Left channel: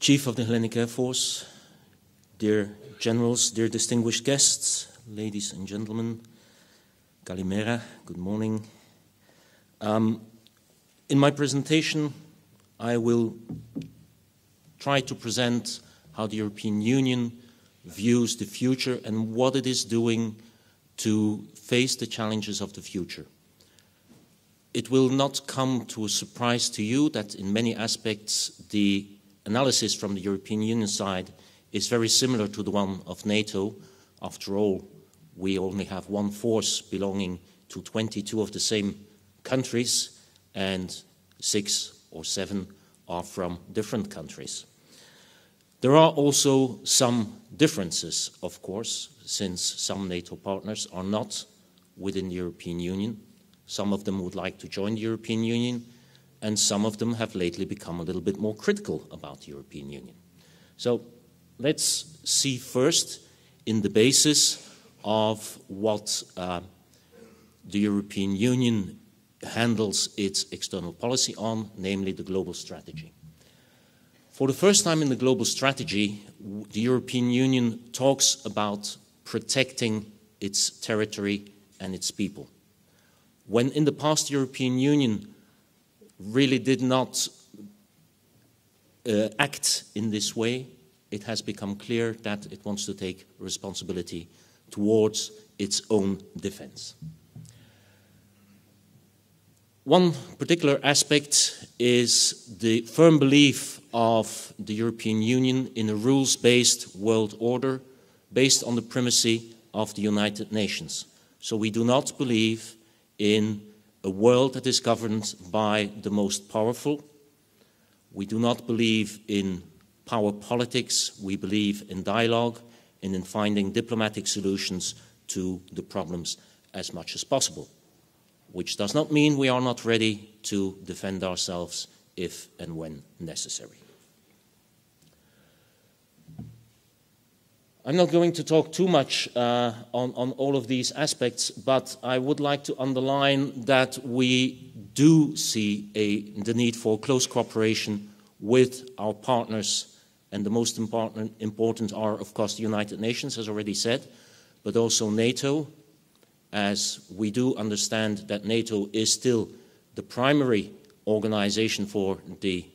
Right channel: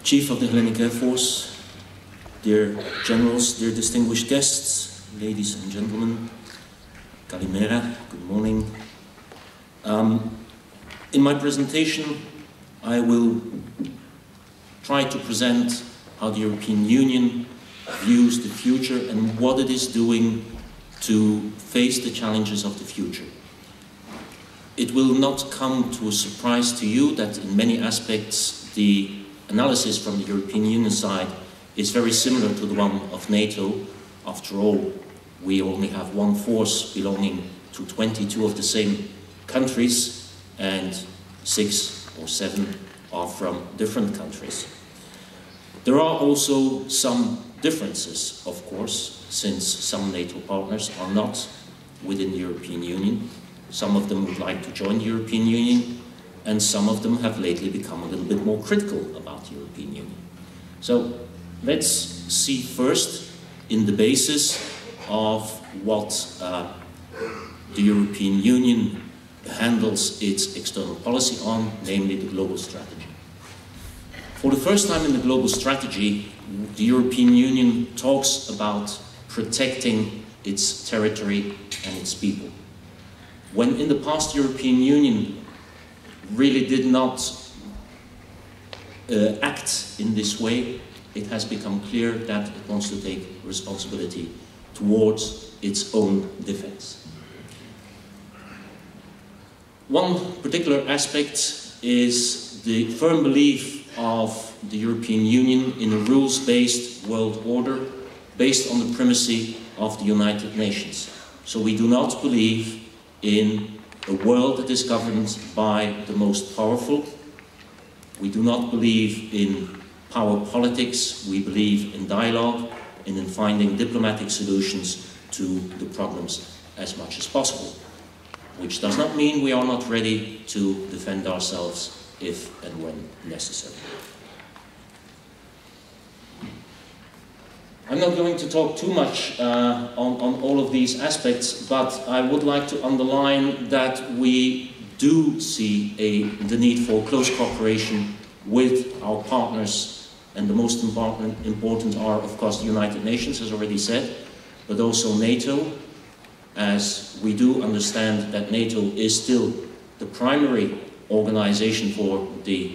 Chief of the Hellenic Air Force, dear generals, dear distinguished guests, ladies and gentlemen, Kalimera, good morning. In my presentation, I will try to present how the European Union views the future and what it is doing to face the challenges of the future. It will not come to a surprise to you that in many aspects the analysis from the European Union side is very similar to the one of NATO. After all, we only have one force belonging to 22 of the same countries, and 6 or 7 are from different countries. There are also some differences, of course, since some NATO partners are not within the European Union. Some of them would like to join the European Union, and some of them have lately become a little bit more critical about the European Union. So let's see first in the basis of what the European Union handles its external policy on, namely the global strategy. For the first time in the global strategy, the European Union talks about protecting its territory and its people. When in the past the European Union really did not act in this way, it has become clear that it wants to take responsibility towards its own defense. One particular aspect is the firm belief of the European Union in a rules-based world order based on the primacy of the United Nations. So we do not believe in a world that is governed by the most powerful. We do not believe in power politics. We believe in dialogue and in finding diplomatic solutions to the problems as much as possible, which does not mean we are not ready to defend ourselves if and when necessary. I'm not going to talk too much on all of these aspects, but I would like to underline that we do see the need for close cooperation with our partners, and the most important are, of course, the United Nations, as already said, but also NATO, as we do understand that NATO is still the primary organization for the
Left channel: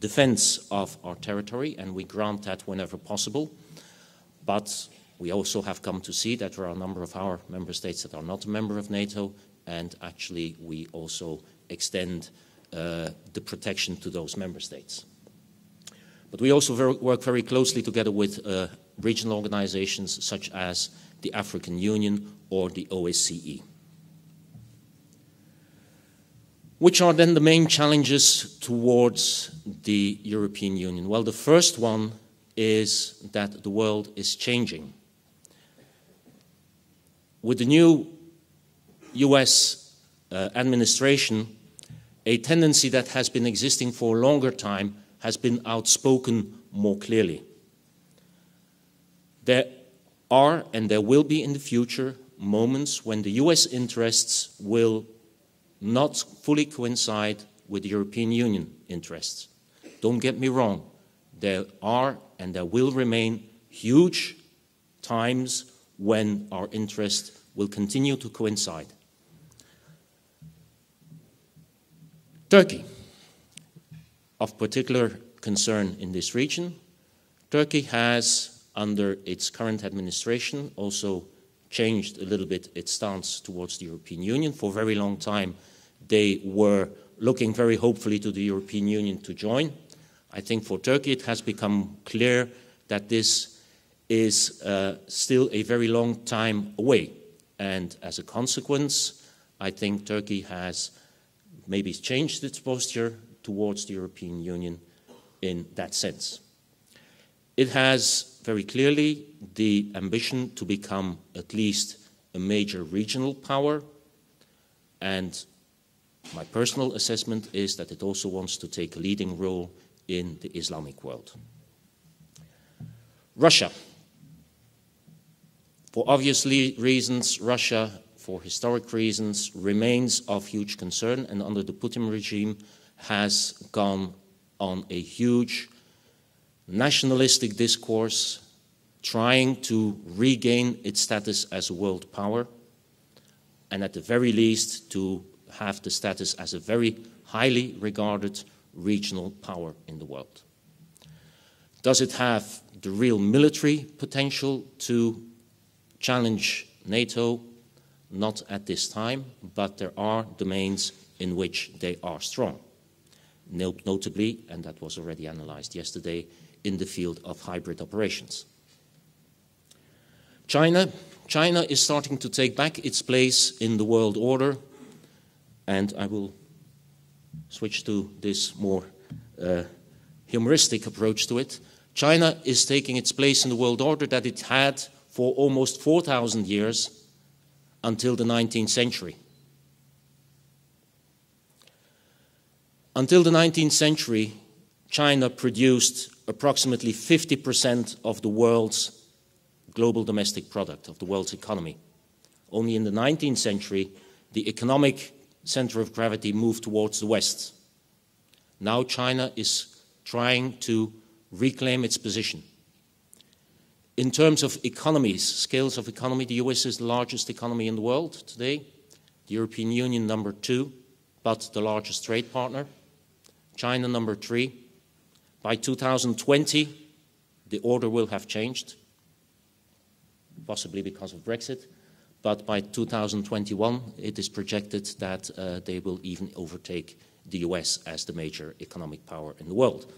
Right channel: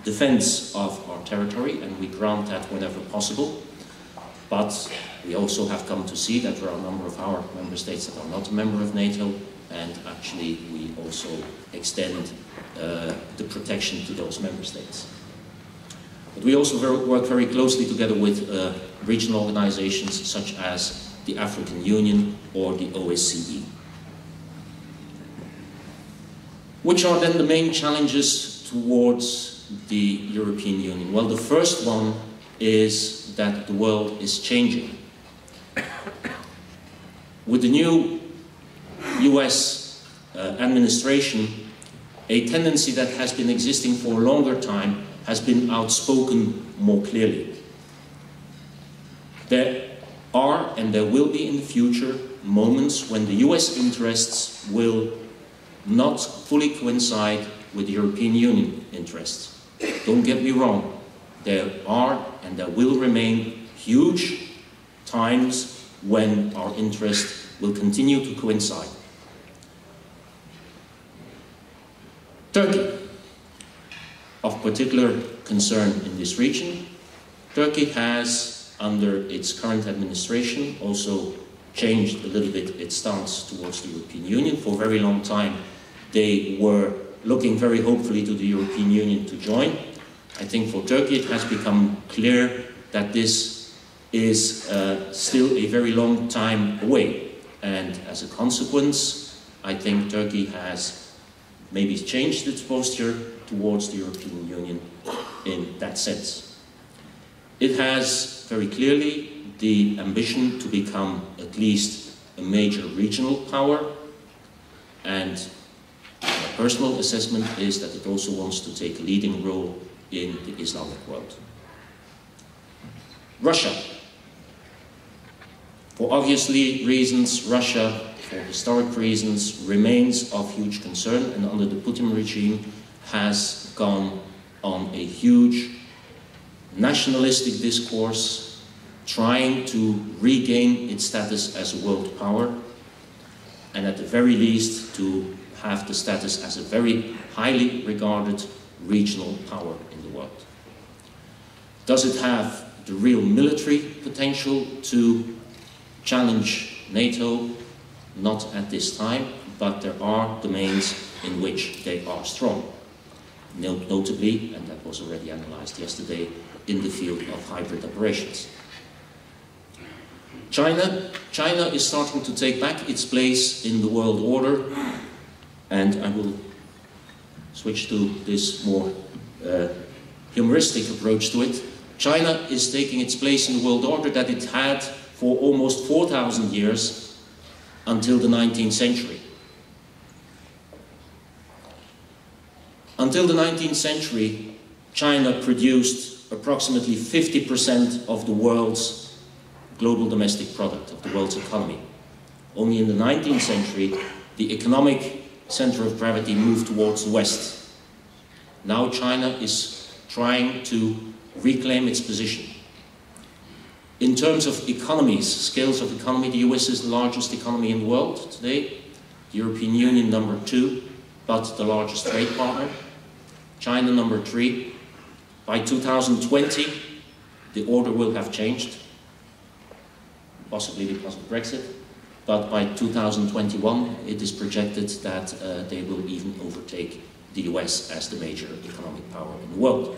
defense of our territory, and we grant that whenever possible. But we also have come to see that there are a number of our member states that are not a member of NATO, and actually we also extend the protection to those member states. But we also work very closely together with regional organizations such as the African Union or the OSCE. Which are then the main challenges towards the European Union? Well, the first one is that the world is changing. With the new US administration, a tendency that has been existing for a longer time has been outspoken more clearly. There are, and there will be in the future, moments when the US interests will not fully coincide with European Union interests. Don't get me wrong. There are and there will remain huge times when our interests will continue to coincide. Turkey, of particular concern in this region. Turkey has, under its current administration, also changed a little bit its stance towards the European Union. For a very long time, they were looking very hopefully to the European Union to join. I think for Turkey it has become clear that this is still a very long time away, and as a consequence I think Turkey has maybe changed its posture towards the European Union in that sense. It has very clearly the ambition to become at least a major regional power, and my personal assessment is that it also wants to take a leading role in the Islamic world. Russia. For obviously reasons, Russia, for historic reasons, remains of huge concern, and under the Putin regime has gone on a huge nationalistic discourse, trying to regain its status as a world power, and at the very least to have the status as a very highly regarded regional power in the world. Does it have the real military potential to challenge NATO? Not at this time, but there are domains in which they are strong. Notably, and that was already analyzed yesterday, in the field of hybrid operations. China is starting to take back its place in the world order, and I will switch to this more humoristic approach to it. China is taking its place in the world order that it had for almost 4,000 years until the 19th century. Until the 19th century, China produced approximately 50% of the world's global domestic product, of the world's economy. Only in the 19th century, the economic center of gravity moved towards the West. Now China is trying to reclaim its position. In terms of economies, scales of economy, the US is the largest economy in the world today, the European Union number 2, but the largest trade partner, China number 3. By 2020, the order will have changed, possibly because of Brexit, but by 2021 it is projected that they will even overtake the US as the major economic power in the world.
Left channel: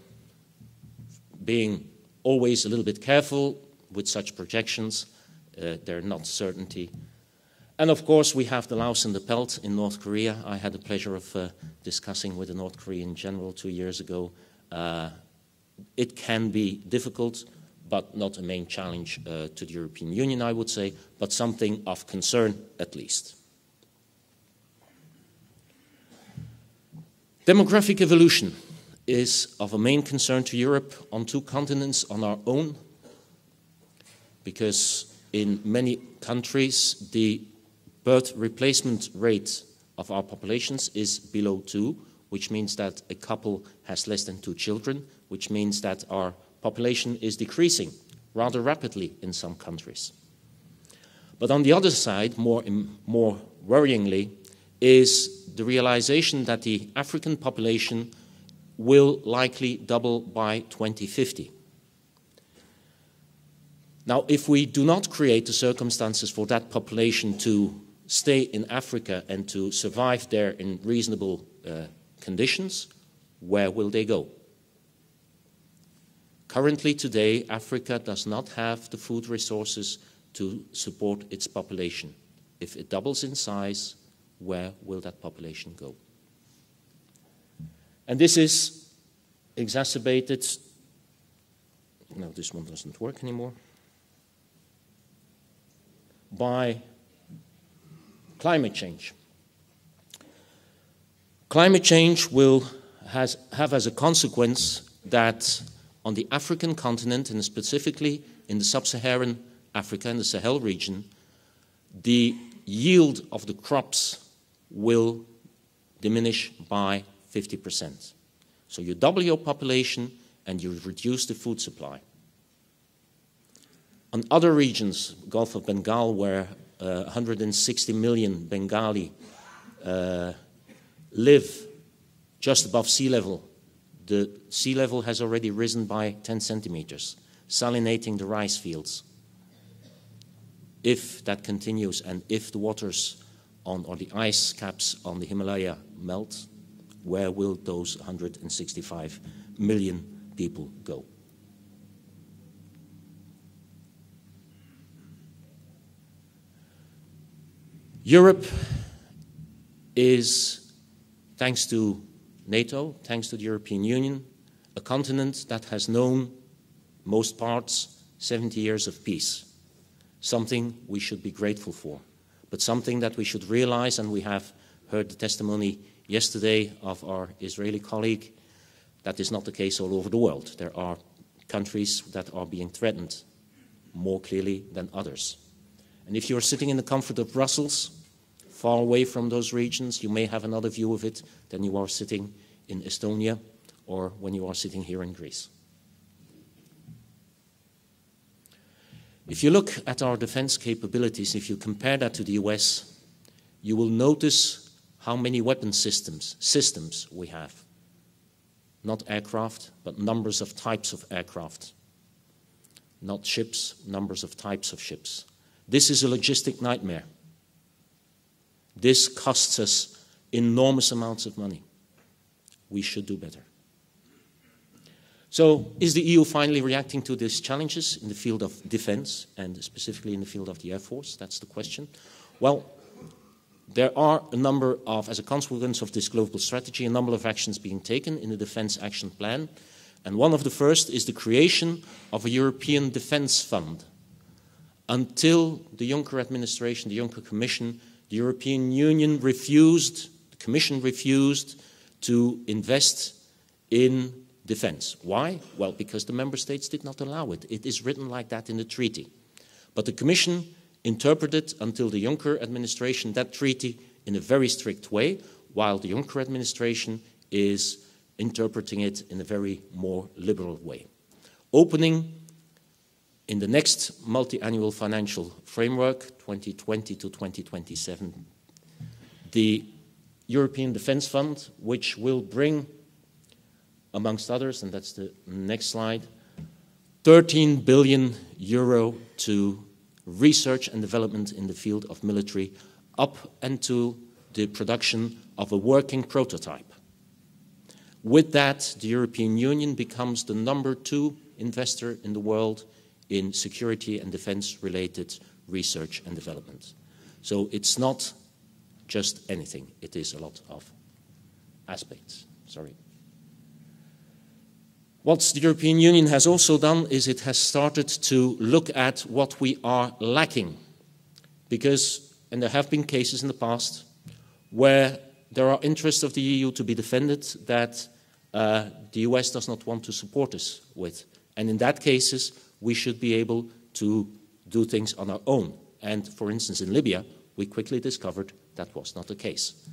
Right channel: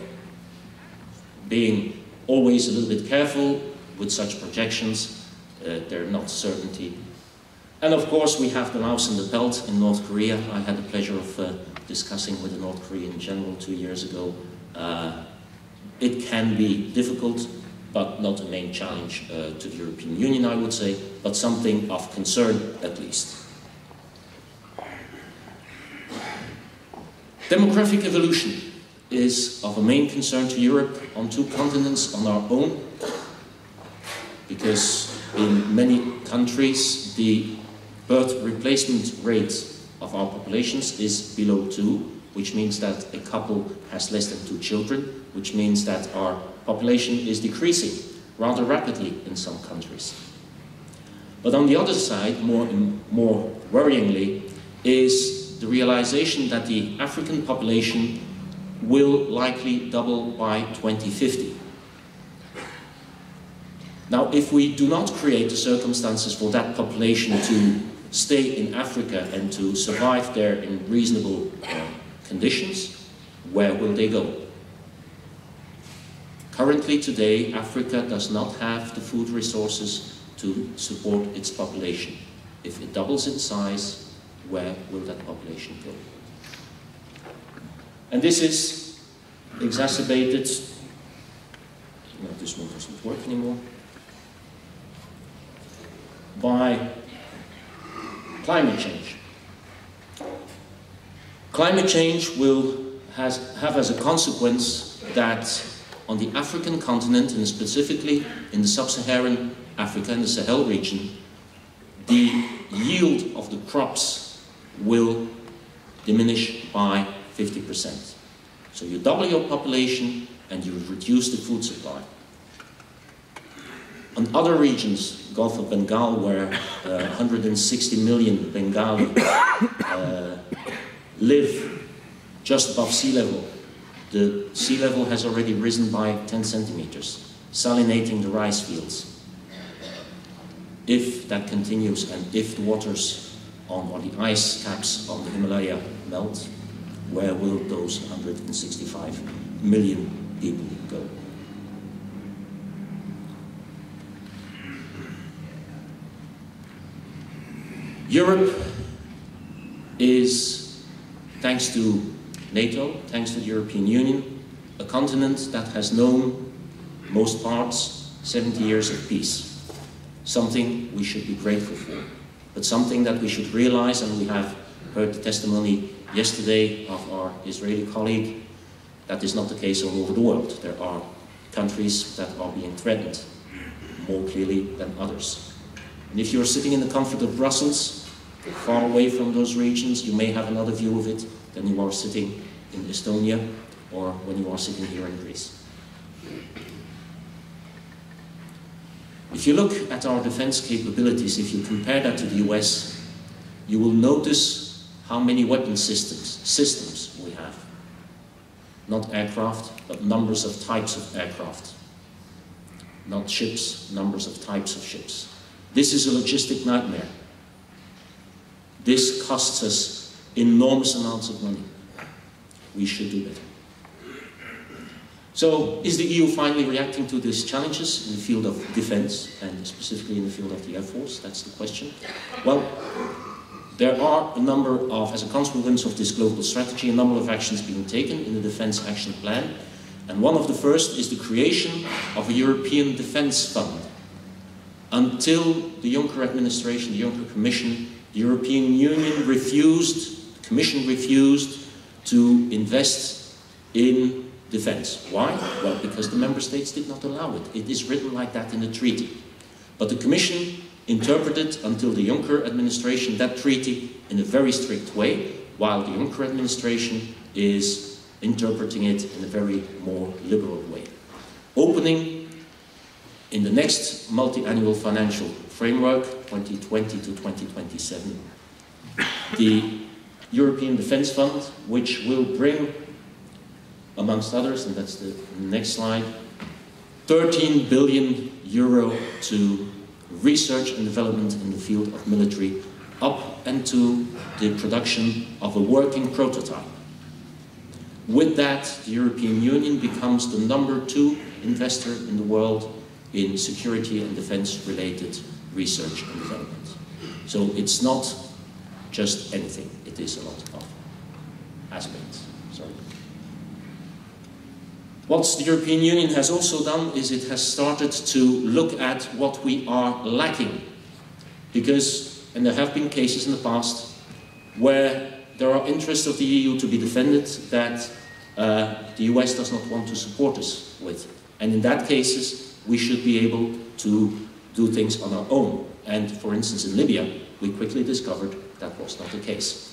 Being always a little bit careful with such projections, they're not certainty. And of course we have the mouse in the belt in North Korea. I had the pleasure of discussing with the North Korean general 2 years ago. It can be difficult, but not the main challenge to the European Union, I would say, but something of concern at least. Demographic evolution is of a main concern to Europe on 2 continents on our own, because in many countries the birth replacement rate of our populations is below 2, which means that a couple has less than 2 children, which means that our population is decreasing rather rapidly in some countries. But on the other side, more worryingly, is the realization that the African population will likely double by 2050. Now, if we do not create the circumstances for that population to stay in Africa and to survive there in reasonable conditions, where will they go? Currently, today, Africa does not have the food resources to support its population. If it doubles in size, where will that population go? And this is exacerbated, no, this one doesn't work anymore, by climate change. Climate change will have as a consequence that on the African continent, and specifically in sub-Saharan Africa and the Sahel region, the yield of the crops will diminish by 50%. So you double your population and you reduce the food supply. On other regions, Gulf of Bengal, where 160 million Bengali live just above sea level, the sea level has already risen by 10 centimeters, salinating the rice fields. If that continues and if the waters or the ice caps on the Himalaya melt, where will those 165 million people go? Europe is, thanks to NATO, thanks to the European Union, a continent that has known, most parts, 70 years of peace. Something we should be grateful for, but something that we should realize, and we have heard the testimony yesterday of our Israeli colleague, that is not the case all over the world. There are countries that are being threatened more clearly than others. And if you're sitting in the comfort of Brussels, far away from those regions, you may have another view of it than you are sitting in Estonia or when you are sitting here in Greece. If you look at our defense capabilities, if you compare that to the US, you will notice how many weapon systems we have. Not aircraft, but numbers of types of aircraft. Not ships, numbers of types of ships. This is a logistic nightmare. This costs us enormous amounts of money. We should do it. So, is the EU finally reacting to these challenges in the field of defense, and specifically in the field of the Air Force? That's the question. Well, there are a number of, as a consequence of this global strategy, a number of actions being taken in the Defense Action Plan. And one of the first is the creation of a European Defense Fund. Until the Juncker administration, the Juncker Commission, the European Union refused, the Commission refused to invest in defense. Why? Well, because the member states did not allow it. It is written like that in the treaty. But the Commission interpreted, until the Juncker administration, that treaty in a very strict way, while the Juncker administration is interpreting it in a very more liberal way. Opening in the next multi-annual financial framework, 2020 to 2027, the European Defence Fund, which will bring, amongst others, and that's the next slide, 13 billion euro to research and development in the field of military, up and to the production of a working prototype. With that, the European Union becomes the #2 investor in the world in security and defense-related research and development. So it's not just anything, it is a lot of aspects. What the European Union has also done is it has started to look at what we are lacking. Because, and there have been cases in the past where there are interests of the EU to be defended that the US does not want to support us with. And in that cases, we should be able to do things on our own. And for instance, in Libya, we quickly discovered that was not the case.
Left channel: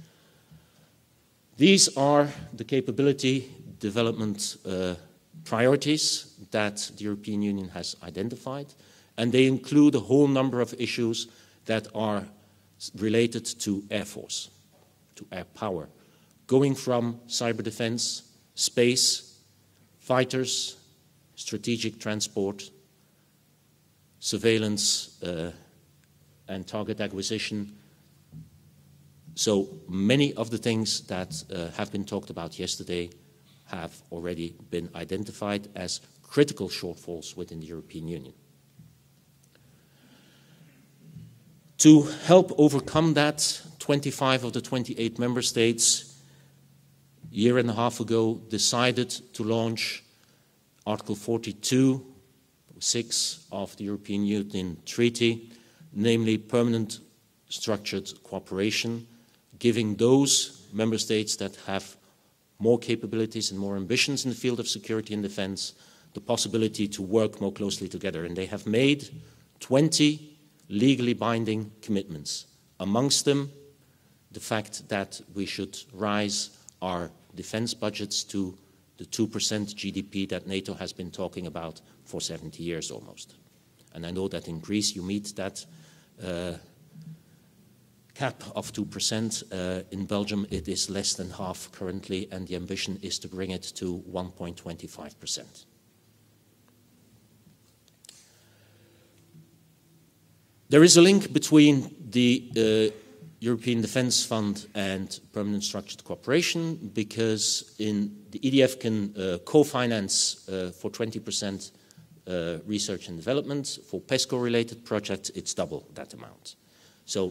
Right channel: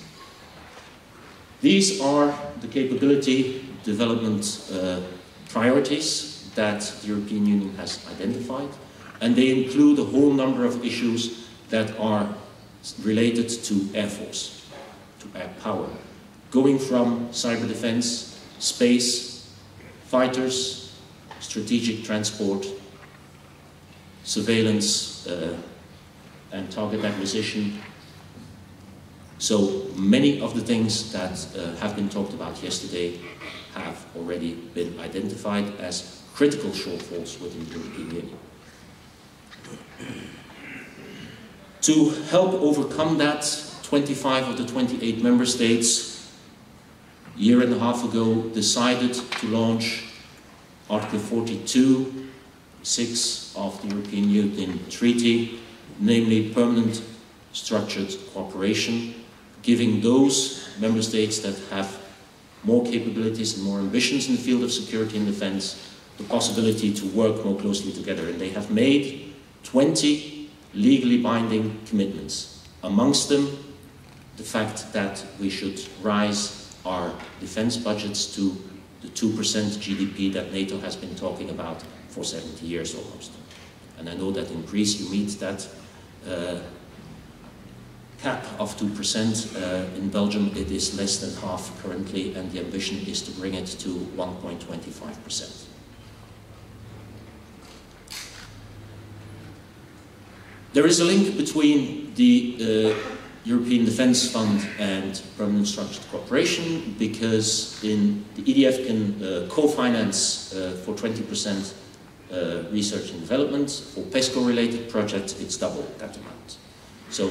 These are the capability development priorities that the European Union has identified, and they include a whole number of issues that are related to Air Force, to air power, going from cyber defense, space, fighters, strategic transport, surveillance and target acquisition. So many of the things that have been talked about yesterday have already been identified as critical shortfalls within the European Union. To help overcome that, 25 of the 28 member states a year and a half ago decided to launch Article 42(6) of the European Union Treaty, namely permanent structured cooperation, giving those member states that have more capabilities and more ambitions in the field of security and defense the possibility to work more closely together. And they have made 20 legally binding commitments. Amongst them, the fact that we should rise our defense budgets to the 2% GDP that NATO has been talking about for 70 years almost. And I know that in Greece you meet that cap of 2%. In Belgium it is less than half currently, and the ambition is to bring it to 1.25%. There is a link between the European Defence Fund and permanent structured cooperation, because in the EDF can co-finance for 20% research and development. For PESCO-related projects, it's double that amount. So,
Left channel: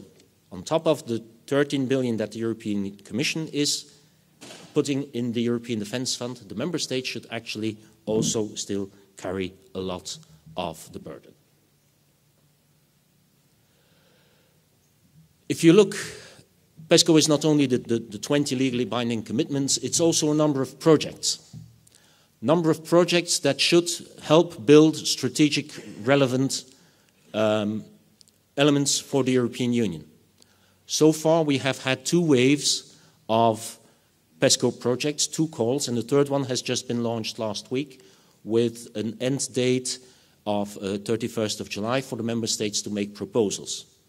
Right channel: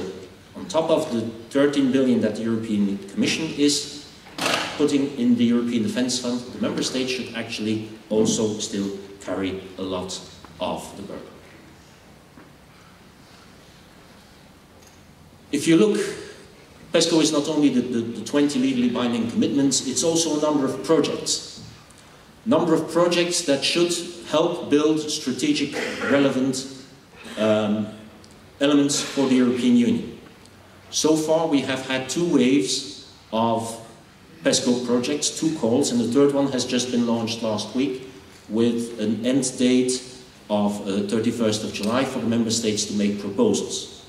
on top of the 13 billion that the European Commission is putting in the European Defence Fund, the Member States should actually also still carry a lot of the burden. If you look, PESCO is not only the 20 legally binding commitments, it's also a number of projects. Number of projects that should help build strategic relevant elements for the European Union. So far we have had 2 waves of PESCO projects, 2 calls, and the third one has just been launched last week, with an end date of 31st of July for the member states to make proposals.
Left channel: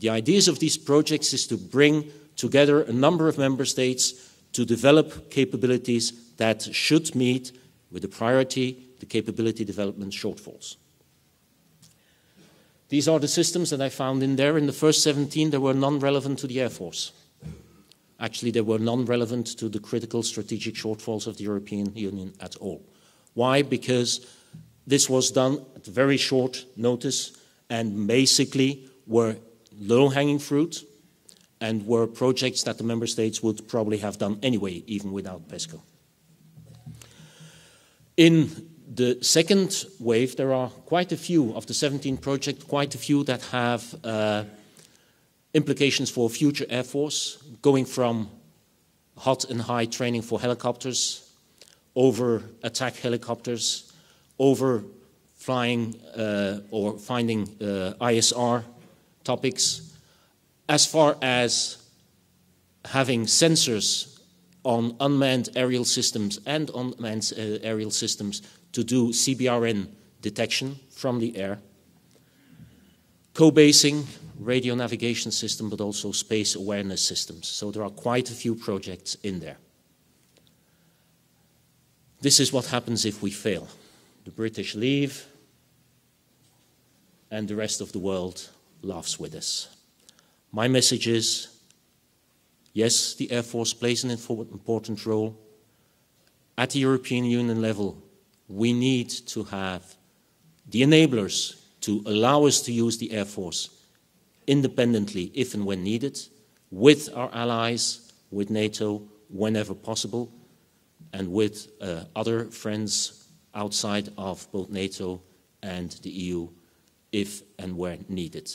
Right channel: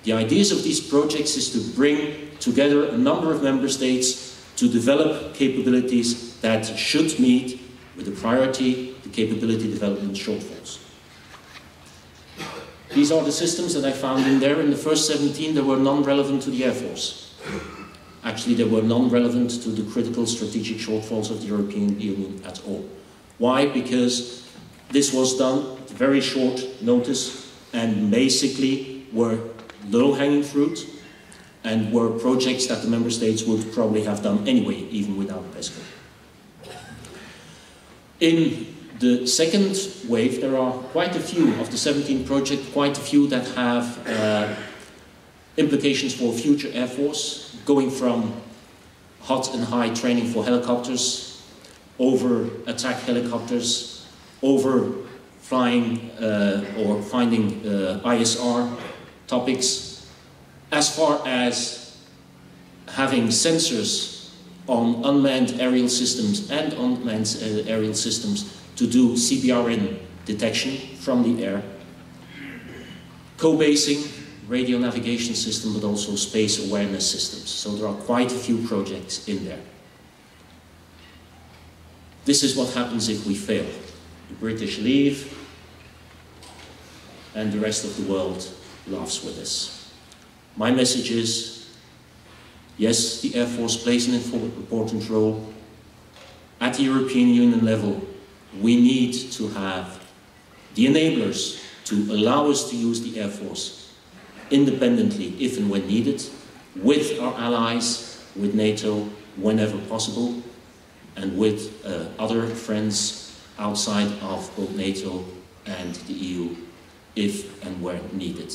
The ideas of these projects is to bring together a number of member states to develop capabilities that should meet, with a priority, the capability development shortfalls. These are the systems that I found in there. In the first 17, they were non-relevant to the Air Force. Actually, they were non-relevant to the critical strategic shortfalls of the European Union at all. Why? Because this was done at very short notice and basically were low-hanging fruit and were projects that the member states would probably have done anyway, even without PESCO. In the second wave, there are quite a few of the 17 projects, quite a few that have implications for future Air Force, going from hot and high training for helicopters, over attack helicopters, over flying or finding ISR topics, as far as having sensors on unmanned aerial systems and unmanned aerial systems to do CBRN detection from the air, co-basing, radio navigation system, but also space awareness systems. So there are quite a few projects in there. This is what happens if we fail. The British leave, and the rest of the world laughs with us. My message is, yes, the Air Force plays an important role. At the European Union level, we need to have the enablers to allow us to use the Air Force independently if and when needed, with our allies, with NATO whenever possible, and with other friends outside of both NATO and the EU if and where needed.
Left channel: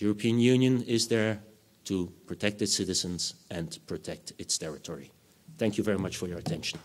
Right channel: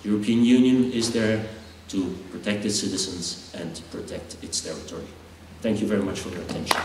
The European Union is there to protect its citizens and to protect its territory. Thank you very much for your attention.